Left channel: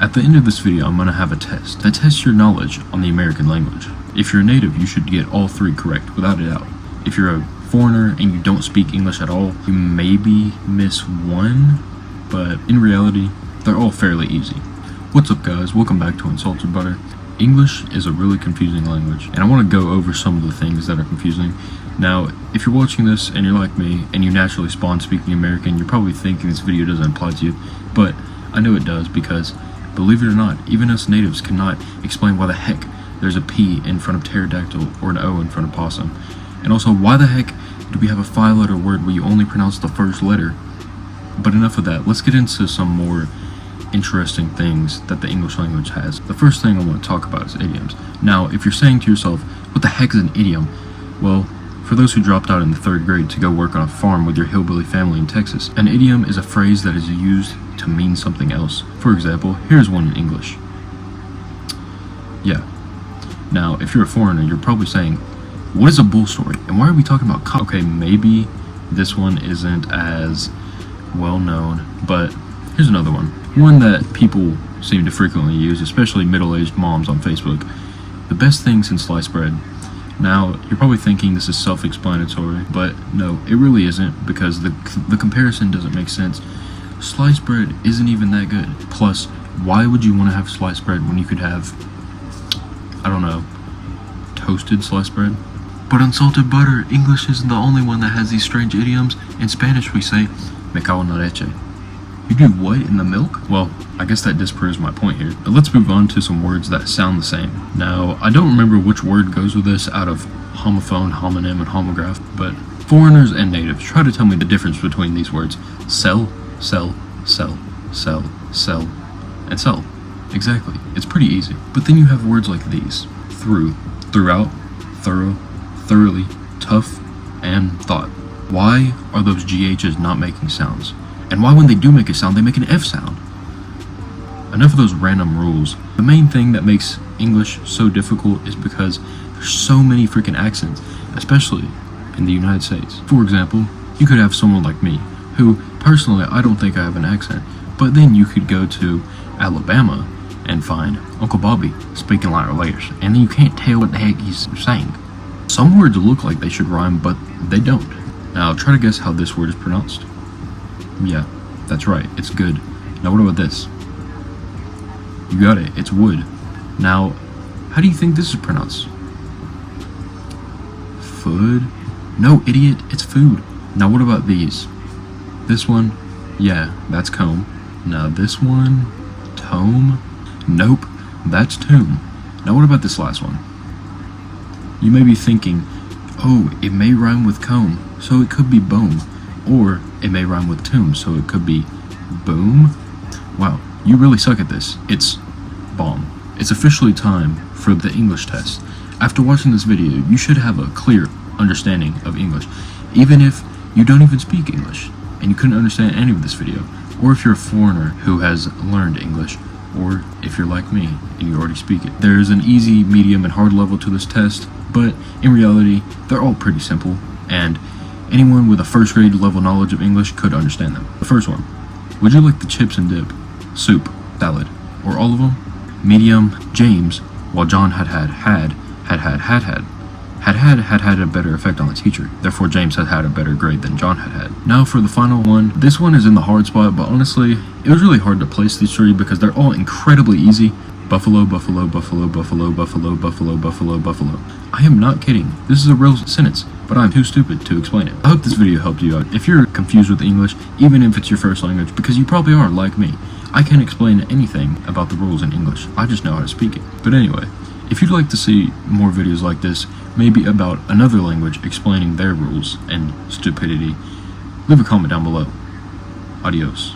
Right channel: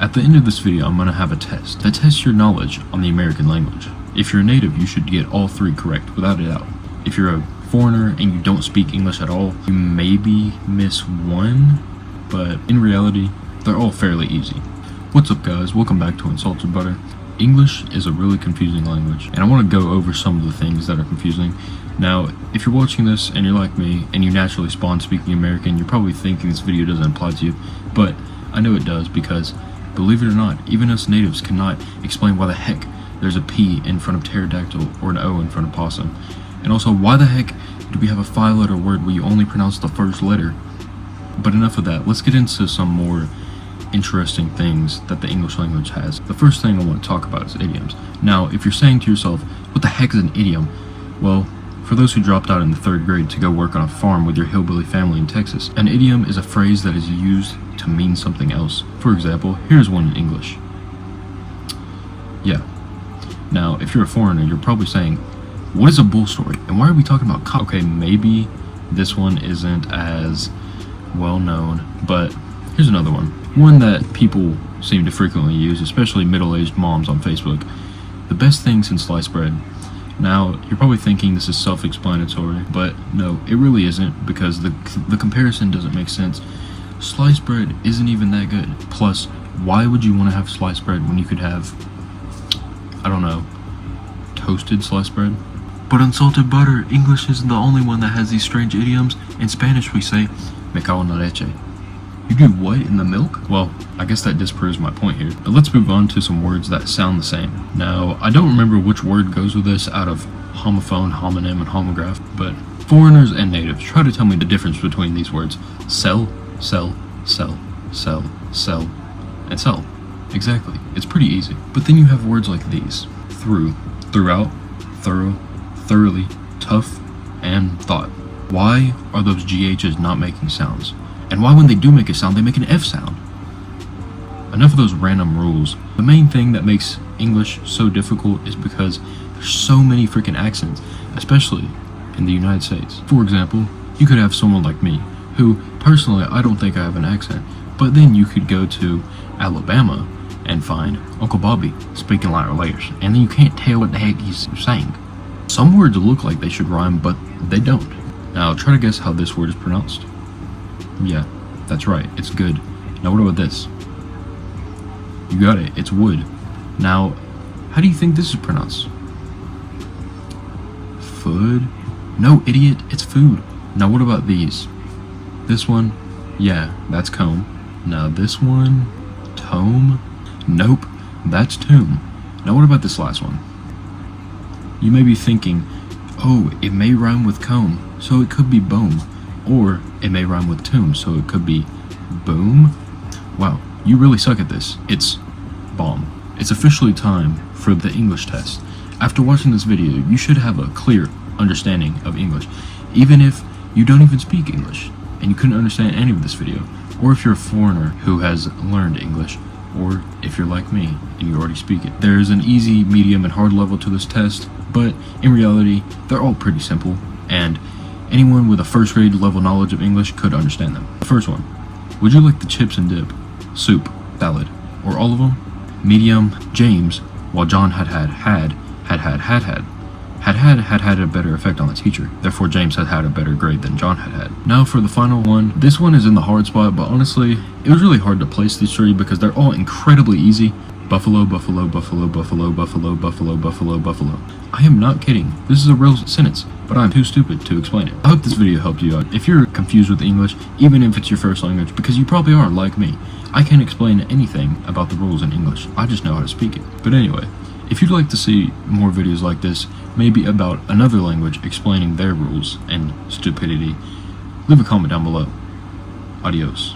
At the end of this video, I'm going to have a test that tests your knowledge on the American language. If you're a native, you should get all 3 correct without a doubt. If you're a foreigner and you don't speak English at all, you maybe miss 1, but in reality, they're all fairly easy. What's up guys, welcome back to Unsalted Butter. English is a really confusing language, and I want to go over some of the things that are confusing. Now, if you're watching this and you're like me, and you naturally spawn speaking American, you're probably thinking this video doesn't apply to you, but I know it does because, believe it or not, even us natives cannot explain why the heck there's a P in front of pterodactyl or an O in front of possum. And also, why the heck do we have a 5-letter word where you only pronounce the first letter? But enough of that, let's get into some more interesting things that the English language has. The first thing I want to talk about is idioms. Now, if you're saying to yourself, what the heck is an idiom? Well, for those who dropped out in the 3rd grade to go work on a farm with your hillbilly family in Texas, an idiom is a phrase that is used to mean something else. For example, here's one in English. Yeah. Now, if you're a foreigner, you're probably saying, what is a bull story? And why are we talking about cock? Okay, maybe this one isn't as well known, but here's another one. One that people seem to frequently use, especially middle-aged moms on Facebook. The best thing since sliced bread. Now, you're probably thinking this is self-explanatory, but no, it really isn't, because the comparison doesn't make sense. Sliced bread isn't even that good. Plus, why would you want to have sliced bread when you could have, I don't know, toasted sliced bread? But Unsalted Butter, English isn't the only one that has these strange idioms. In Spanish we say, me cago en la leche. You do what in the milk? Well, I guess that disproves my point here. But let's move on to some words that sound the same. Now, I don't remember which word goes with this out of homophone, homonym, and homograph, but foreigners and natives, try to tell me the difference between these words. Sell, sell, sell, sell, sell, and sell. Exactly. It's pretty easy. But then you have words like these. Through, throughout, thorough, thoroughly, tough, and thought. Why are those GHs not making sounds? And why when they do make a sound, they make an F sound? Enough of those random rules. The main thing that makes English so difficult is because there's so many freaking accents, especially in the United States. For example, you could have someone like me, who, personally, I don't think I have an accent, but then you could go to Alabama and find Uncle Bobby speaking like layers, and then you can't tell what the heck he's saying. Some words look like they should rhyme, but they don't. Now, try to guess how this word is pronounced. Yeah, that's right, it's good. Now what about this? You got it, it's wood. Now, how do you think this is pronounced? Food? No, idiot, it's food. Now what about these? This one? Yeah, that's comb. Now this one? Tome? Nope, that's tomb. Now what about this last one? You may be thinking, oh, it may rhyme with comb, so it could be bone. Or it may rhyme with tomb, so it could be boom. Wow, you really suck at this. It's bomb. It's officially time for the English test. After watching this video, you should have a clear understanding of English, even if you don't even speak English and you couldn't understand any of this video, or if you're a foreigner who has learned English, or if you're like me and you already speak it. There's an easy, medium, and hard level to this test, but in reality, they're all pretty simple, and anyone with a 1st grade level knowledge of English could understand them. The first one, would you like the chips and dip, soup, salad, or all of them? Medium, James, while John had a better effect on the teacher. Therefore, James had a better grade than John had. Now for the final one. This one is in the hard spot, but honestly, it was really hard to place these 3 because they're all incredibly easy. Buffalo, buffalo, buffalo, buffalo, buffalo, buffalo, buffalo, buffalo. I am not kidding. This is a real sentence, but I'm too stupid to explain it. I hope this video helped you out. If you're confused with English, even if it's your first language, because you probably are, like me, I can't explain anything about the rules in English. I just know how to speak it. But anyway, if you'd like to see more videos like this, maybe about another language explaining their rules and stupidity, leave a comment down below. Adios.